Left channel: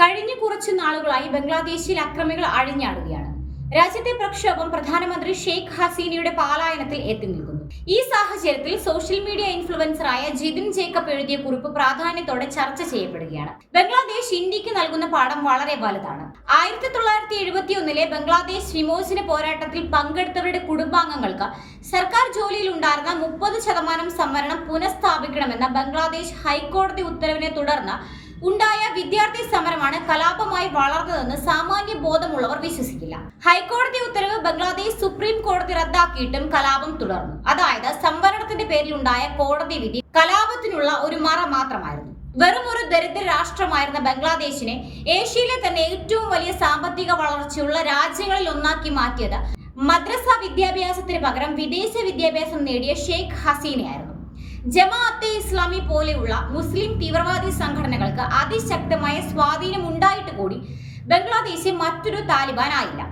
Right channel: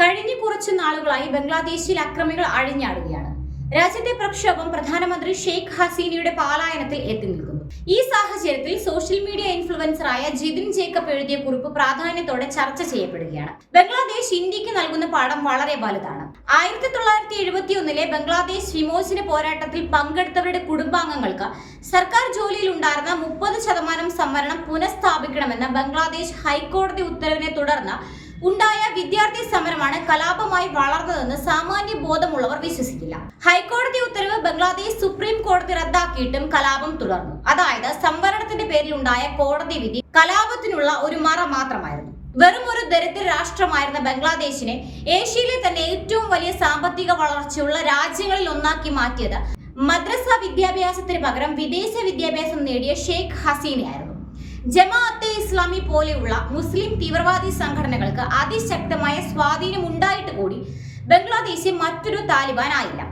കഴിഞ്ഞ കുറച്ച് നാളുകളായി ബംഗ്ലാദേശിൽ അക്രമികൾ അഴിഞ്ഞാടുകയാണ്. രാജ്യത്തെ പ്രക്ഷോഭം പ്രധാനമന്ത്രി ഷെയ്ഖ് ഹസീനയുടെ പാലായനത്തിൽ എത്തി നിൽക്കുന്നു. ഈ സാഹചര്യത്തിൽ സോഷ്യൽ മീഡിയ ഇൻഫ്ലുവൻസറായ ജിതിൻ ജേക്കബ് എഴുതിയ കുറിപ്പ് പ്രാധാന്യത്തോടെ ചർച്ച ചെയ്യപ്പെടുകയാണ്. ബംഗ്ലാദേശ് ഇന്ത്യയ്ക്ക് നൽകുന്ന പാഠം വളരെ വലുതാണ്. ആയിരത്തി തൊള്ളായിരത്തി എഴുപത്തി ഒന്നിലെ ബംഗ്ലാദേശ് വിമോചന പോരാട്ടത്തിൽ പങ്കെടുത്തവരുടെ കുടുംബാംഗങ്ങൾക്ക് സർക്കാർ ജോലിയിൽ ഉണ്ടായിരുന്ന മുപ്പത് ശതമാനം സംവരണം പുനഃസ്ഥാപിക്കണമെന്ന ബംഗ്ലാദേശ് ഹൈക്കോടതി ഉത്തരവിനെ തുടർന്ന് ഉണ്ടായ വിദ്യാർത്ഥി സമരമാണ് കലാപമായി വളർന്നതെന്ന് സാമാന്യ ബോധമുള്ളവർ വിശ്വസിക്കില്ല. ഹൈക്കോടതി ഉത്തരവ് ബംഗ്ലാദേശ് സുപ്രീം കോടതി റദ്ദാക്കിയിട്ടും കലാപം തുടർന്നു. അതായത് സംവരണത്തിന്റെ പേരിൽ ഉണ്ടായ കോടതി വിധി കലാപത്തിനുള്ള ഒരു മറ മാത്രമായിരുന്നു. വെറും ഒരു ദരിദ്ര രാഷ്ട്രമായിരുന്ന ബംഗ്ലാദേശിനെ ഏഷ്യയിലെ തന്നെ ഏറ്റവും വലിയ സാമ്പത്തിക വളർച്ചയുള്ള രാജ്യങ്ങളിൽ ഒന്നാക്കി മാറ്റിയത് മദ്രസ വിദ്യാഭ്യാസത്തിന് പകരം വിദേശ വിദ്യാഭ്യാസം നേടിയ ഷെയ്ഖ് ഹസീനയായിരുന്നു. ജമാഅത്തെ ഇസ്ലാമി പോലെയുള്ള മുസ്ലിം തീവ്രവാദി സംഘടനകൾക്ക് അതിശക്തമായ സ്വാധീനം ഉണ്ടായിട്ട് കൂടി ബംഗ്ലാദേശ് മറ്റൊരു താലിബാൻ ആയില്ല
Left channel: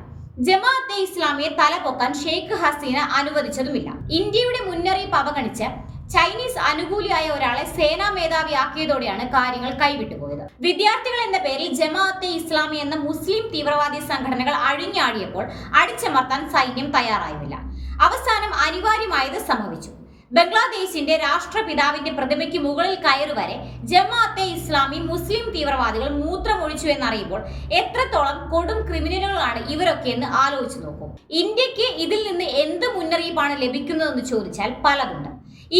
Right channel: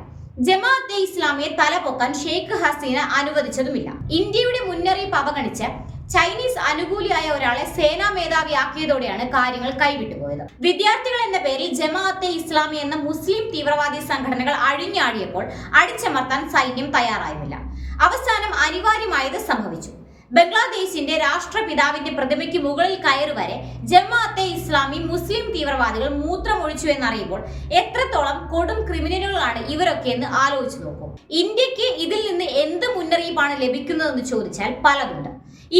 ജമാഅത്തെ ഇസ്ലാമിയെ തലപൊക്കാൻ ഷെയ്ഖ് ഹസീന അനുവദിച്ചതുമില്ല. ഇന്ത്യയുടെ മുന്നറിയിപ്പ് അവഗണിച്ച് ചൈനീസ് അനുകൂലിയായ ഒരാളെ സേനാ മേധാവിയാക്കിയതോടെയാണ് കാര്യങ്ങൾ കൈവിട്ടുപോയത്. വിദ്യാർത്ഥികൾ എന്ന പേരിൽ ജമാഅത്തെ ഇസ്ലാമി എന്ന മുസ്ലിം തീവ്രവാദി സംഘടനകൾ അഴിഞ്ഞാടിയപ്പോൾ അടിച്ചമർത്താൻ സൈന്യം തയ്യാറായുമില്ല അവസാനം അനിവാര്യമായത് സംഭവിച്ചു. ബംഗ്ലാദേശിന്റെ രാഷ്ട്രപിതാവിന്റെ പ്രതിമയ്ക്ക് മുകളിൽ കയറി വരെ ജമാഅത്തെ ഇസ്ലാമി മുസ്ലിം തീവ്രവാദികൾ മൂത്രമൊഴിച്ചു എന്നറിയുമ്പോൾ എത്രത്തോളം കൊടും ക്രിമിനലുകളാണ് ഇവരൊക്കെ എന്ന് ആലോചിച്ചു നോക്കും. ഇന്ത്യയ്ക്ക് ഇതിൽ നിന്ന് എന്ത് മുന്നറിയിപ്പാണ് ലഭിക്കുന്നതെന്ന് ചോദിച്ചാൽ പലതുണ്ട്.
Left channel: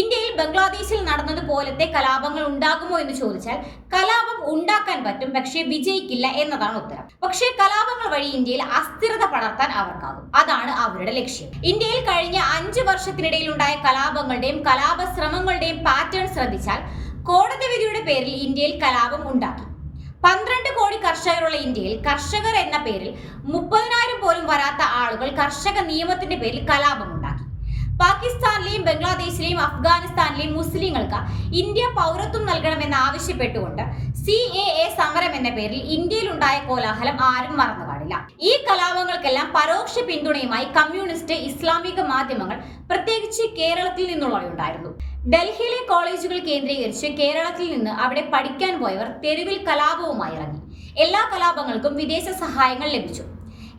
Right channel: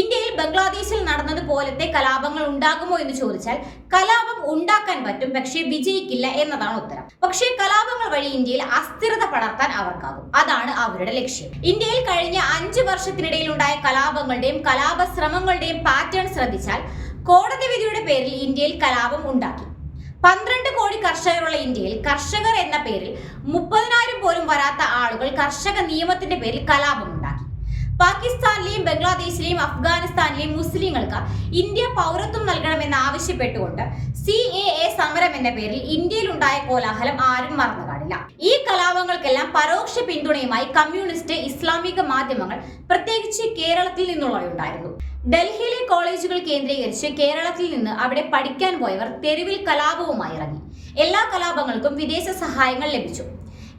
ഇന്ത്യയിൽ ബംഗ്ലാദേശിൽ നടന്നതുപോലത്തെ കലാപങ്ങൾ ഉണ്ടാകുമോ എന്ന് ചോദിച്ചാൽ കലാപം ഉണ്ടാക്കാൻ പറ്റും പക്ഷേ വിജയിക്കില്ല എന്നതാണ് ഉത്തരം. പക്ഷേ കലാപങ്ങൾ വഴി ഇന്ത്യയിൽ അസ്ഥിരത പടർത്താൻ അവർക്കാകും. അതാണ് അവരുടെ ലക്ഷ്യം. ഇന്ത്യയിൽ കഴിഞ്ഞ അഞ്ചു വർഷത്തിനിടയിൽ ഉണ്ടായ കലാപങ്ങളുടെയും കലാപ ശ്രമങ്ങളുടെയും പാറ്റേൺ ശ്രദ്ധിച്ചാൽ കോടതി വിധിയുടെ പേരിൽ ഇന്ത്യയിൽ കലാപം ഉണ്ടാക്കി. പന്ത്രണ്ട് കോടി കർഷകരുള്ള ഇന്ത്യയിൽ കർഷകർ എന്ന പേരിൽ മുപ്പതിനായിരം പോലും വരാത്ത ആളുകൾ കർഷക നിയമത്തിന്റെ പേരിൽ കലാപം ഉണ്ടാക്കി. പാകിസ്ഥാനിലെയും ബംഗ്ലാദേശിലെയും അഫ്ഗാനിസ്ഥാനിലെയും മുസ്ലിങ്ങൾക്ക് ഇന്ത്യ പൗരത്വം നൽകണമെന്ന് ആവശ്യപ്പെട്ടുകൊണ്ട് സി എ എ സമരം എന്ന പേരിൽ ഇന്ത്യയിലുണ്ടായ കോലാഹലം ആരും മറന്നു കാണില്ല ഈ കലാപങ്ങൾക്കെല്ലാം പരോക്ഷ പിന്തുണയുമായി കമ്മ്യൂണിസ്റ്റ് ഇസ്ലാമിക മാധ്യമങ്ങൾ പ്രത്യേകിച്ച് കേരളത്തിൽ നിന്നുള്ളവയുണ്ടായിരുന്നു ഡൽഹിയിലെ കോളേജുകൾ കേന്ദ്രീകരിച്ച് കേരളത്തിൽ നിന്ന് അവിടെ പഠിക്കാൻ പോയവർ തെരുവിൽ കലാപവുമായി ഇറങ്ങി. എല്ലാ കലാപങ്ങൾക്കും വിദേശ സഹായങ്ങൾ ലഭിച്ചു.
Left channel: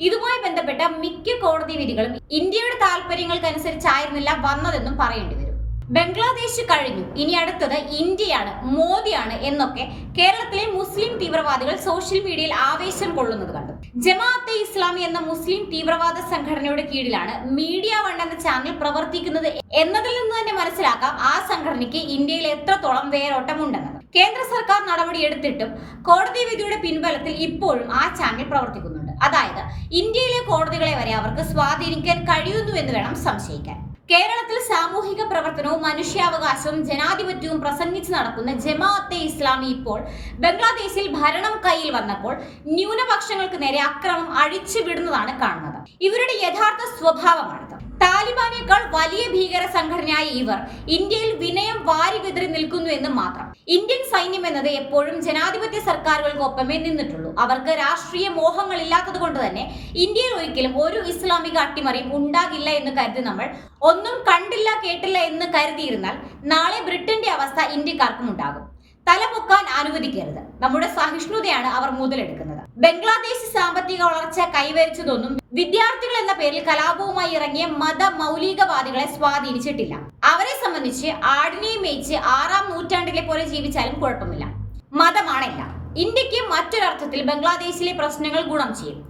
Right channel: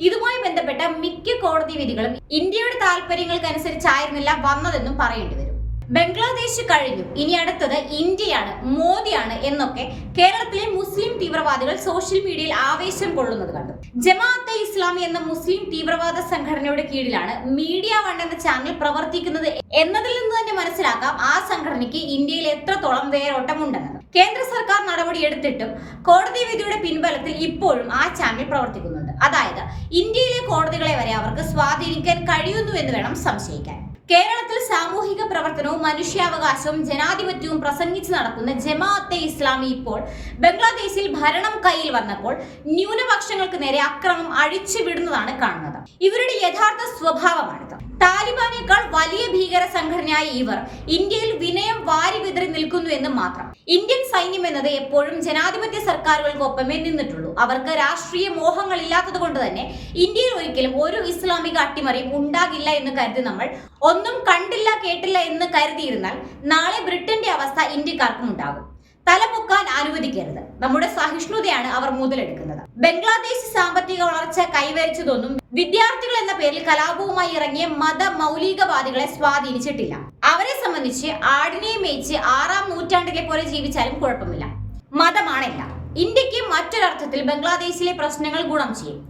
ഇതുമായി ബന്ധപ്പെട്ട മിക്ക കോടതി വിധികളും ഇന്ത്യയുടെ താല്പര്യങ്ങൾക്കനുസരിച്ചായിരുന്നില്ല വന്നതെന്നും പറയേണ്ടി വരും. ബംഗ്ലാദേശ് കഴിഞ്ഞു. ഇനി അടുത്തത് ഇന്ത്യയാണ് മോദിയാണ് എന്നൊക്കെ കേരളത്തിലെ മുസ്ലിം തീവ്രവാദികൾ സോഷ്യൽ മീഡിയയിൽ ആവേശം കൊള്ളുന്നത് കണ്ടു. ജമാഅത്തെ ഇസ്ലാമി എന്ന മുസ്ലിം തീവ്രവാദ സംഘടനയുടെ കീഴിലാണ് മീഡിയ വൺ എന്ന ചാനൽ പ്രവർത്തിക്കുന്നത് എന്നതിൽ നിന്ന് തന്നെ മനസ്സിലാക്കാം ആ സംഘടനയ്ക്ക് ഇന്ത്യയിൽ എത്രത്തോളം വേരോട്ടം ഉണ്ടെന്നത് കേന്ദ്ര സർക്കാർ നടപടി എടുത്തിട്ടും കോടതി വിധിയുടെ പിൻബലത്തിൽ ഇപ്പോഴും ആ ചാനൽ പ്രവർത്തിക്കുന്നുണ്ട്. അതായത് ഇന്ത്യയിലെ കോടതികളെ വരെ അവർക്ക് സ്വാധീനിക്കാൻ കഴിയുന്നു എന്ന് വേണം സംശയിക്കാൻ. കേരളത്തിൽ സാമൂഹിക പ്രവർത്തനവും മനുഷ്യാവകാശവും ജനാധിപത്യവും പ്രസംഗിച്ച് നടക്കുന്ന ജമാഅത്തെ ഇസ്ലാമി ഇപ്പോൾ ബംഗ്ലാദേശിൽ ഭരണം കയ്യിൽ വന്നപ്പോൾ ന്യൂനപക്ഷങ്ങൾക്ക് നേരെ അക്രമം അഴിച്ചുവിടുന്നതാണ് കാണുന്നത്. ഇവരുടെ യഥാർത്ഥ സ്വഭാവമാണിത് താലിബാനേക്കാൾ വലിയ ഭീകര സംഘടനയായ ഇവർ ഇന്ത്യയിൽ വിനയം വാരി വിതറി നിൽക്കുന്നു എന്ന് മാത്രം. ഇന്ത്യൻ സൈന്യം എന്നത് എപ്പോഴും ജനാധിപത്യ സർക്കാരുകൾക്കൊപ്പമേ നിന്നിട്ടുള്ളൂ. അവർക്ക് രാഷ്ട്രീയ മോഹങ്ങൾ ഇല്ലാത്തത് കൊണ്ട് തന്നെ ഇന്ത്യയിൽ ഒരിക്കലും ഒരു ഇസ്ലാമിക അട്ടിമറിയും ഉണ്ടാകില്ല എന്ന് കരുതി നമ്മൾ ഒന്നും കണ്ടില്ല കേട്ടില്ല എന്ന് കരുതിയിരുന്നാൽ നാളെ ബ്രിട്ടന്റെ അവസ്ഥ ഇന്ത്യക്കാർക്കും ഉണ്ടാകും. തലപൊക്കാൻ അനുവദിക്കരുത്. നമ്മുടെ സഹിഷ്ണുതയാണ് അവർ മുതലെടുക്കുന്നത്. ബംഗ്ലാദേശ് സാമ്പത്തിക വളർച്ച കൈവരിച്ചതൊന്നും വിദ്യാർത്ഥികൾ എന്ന പേരിൽ കലാപവുമായി ഇറങ്ങിയ മത മൗലികവാദികളെ സ്വാധീനിച്ചിട്ടില്ല. അവരെ സംബന്ധിച്ച് ആടിനെ മേയിച്ച് ആറാം നൂറ്റാണ്ടിലെ പോലെ ജീവിച്ചാലും കുഴപ്പമില്ല. മതമാണില്ല. ഇന്ത്യയ്ക്ക് മറ്റൊരർത്ഥത്തിൽ ബംഗ്ലാദേശിലെ പ്രശ്നങ്ങൾ ഗുണം ചെയ്യും.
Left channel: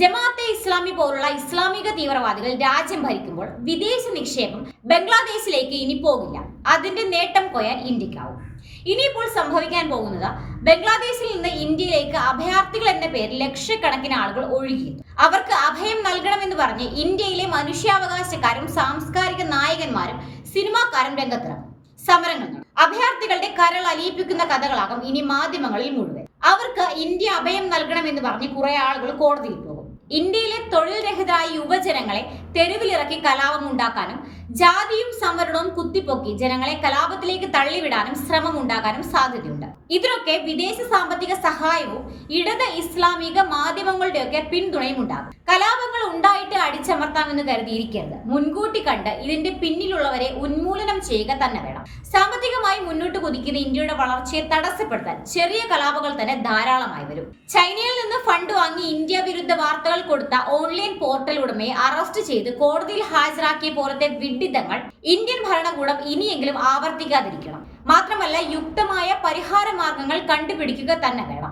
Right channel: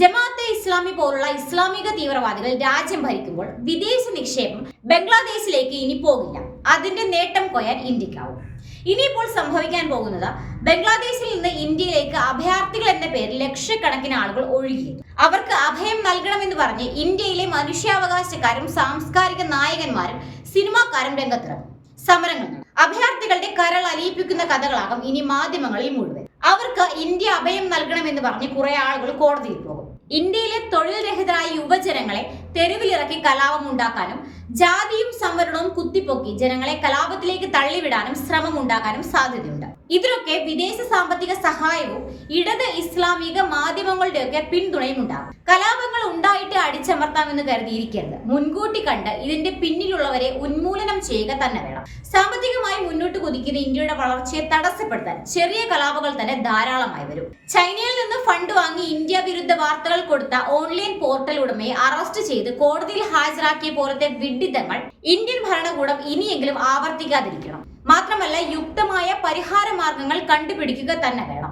ജമാഅത്തെ ഇസ്ലാമി പോലുള്ള ഇസ്ലാമിക തീവ്രവാദികൾ രാജ്യം ഭരിക്കുമ്പോൾ വിദേശ നിക്ഷേപം ബംഗ്ലാദേശിലേക്ക് ഇനി പോകില്ല. അതിന്റെ നേട്ടം കൊയ്യാൻ ഇന്ത്യക്കാവും ഇനിയിപ്പോൾ സംഭവിക്കാൻ പോകുന്നത് ബംഗ്ലാദേശിൽ നിന്ന് ഇന്ത്യയിലേക്ക് അഭയാർത്ഥികൾ എന്ന പേരിൽ ലക്ഷക്കണക്കിന് ആളുകൾ ഒഴുകി. അവർക്ക് അഭയം നൽകണമെന്ന് പറഞ്ഞ് ഇന്ത്യയിലെ മനുഷ്യാവകാശക്കാരും സാംസ്കാരിക നായകന്മാരും സിനിമാക്കാരും രംഗത്തിറങ്ങും. സമരങ്ങൾ. അഭയാർത്ഥികളുടെ കരൾ അലിയിപ്പിക്കുന്ന കഥകളാകും ഇനി മാധ്യമങ്ങളിൽ മുഴുവൻ. അവർക്ക് ഇന്ത്യ അഭയം നൽകണമെന്ന് പറഞ്ഞ് കുറെ ആളുകൾ കോടതിയിൽ പോകും. ഇന്ത്യയിലെ തൊഴിൽ രഹിതരായ യുവജനങ്ങളെ തെരുവിലിറക്കി കലാപം ഉണ്ടാക്കാനും ജാതിയും സംവരണവും കുത്തിപ്പൊക്കി ജനങ്ങളെ കലാപത്തിലേക്ക് തള്ളിവിടാനും ശ്രമം ഉണ്ടാകാനും സാധ്യതയുണ്ട്. ഇതിനൊക്കെ വിദേശ സാമ്പത്തിക സഹായവും ഇടത് ഇസ്ലാമിക മാധ്യമങ്ങളുടെയൊക്കെ പിന്തുണയും ഉണ്ടാകും കലാപങ്ങൾ ഉണ്ടായിട്ട് അടിച്ചമർത്താമെന്ന് കരുതിയിരിക്കരുത്. മുൻകൂട്ടി കണ്ട് ഇതിന്റെ പിന്നിലുള്ളവരെ ഉന്മൂലനം ചെയ്യുക തന്നെ വേണം. സാമ്പത്തികമായി മുന്നോട്ട് കുതിക്കുന്ന ഇന്ത്യയുടെ വളർച്ചയെ തടസ്സപ്പെടുത്താൻ ചെറിയ കലാപങ്ങൾ തന്നെ ധാരാളമായി വരും. ചൈനയിൽ നിന്ന് ഫണ്ട് വാങ്ങി ഇന്ത്യ വിരുദ്ധ വാർത്തകൾ കൊടുത്ത ഓൺലൈൻ പോർട്ടൽ ഉടമയെ അറസ്റ്റ് ചെയ്ത് കോടതിയിൽ ഹാജരാക്കിയ പോലത്തെ വിഡിത്തങ്ങൾ ഇന്ത്യൻ ഭരണകൂടം ഇനിയെങ്കിലും ആവർത്തിക്കാതിരിക്കണം. മാത്രമല്ല യുക്തമായ പരിഹാര മാർഗങ്ങൾ കണ്ടുപിടിക്കുക തന്നെ വേണം.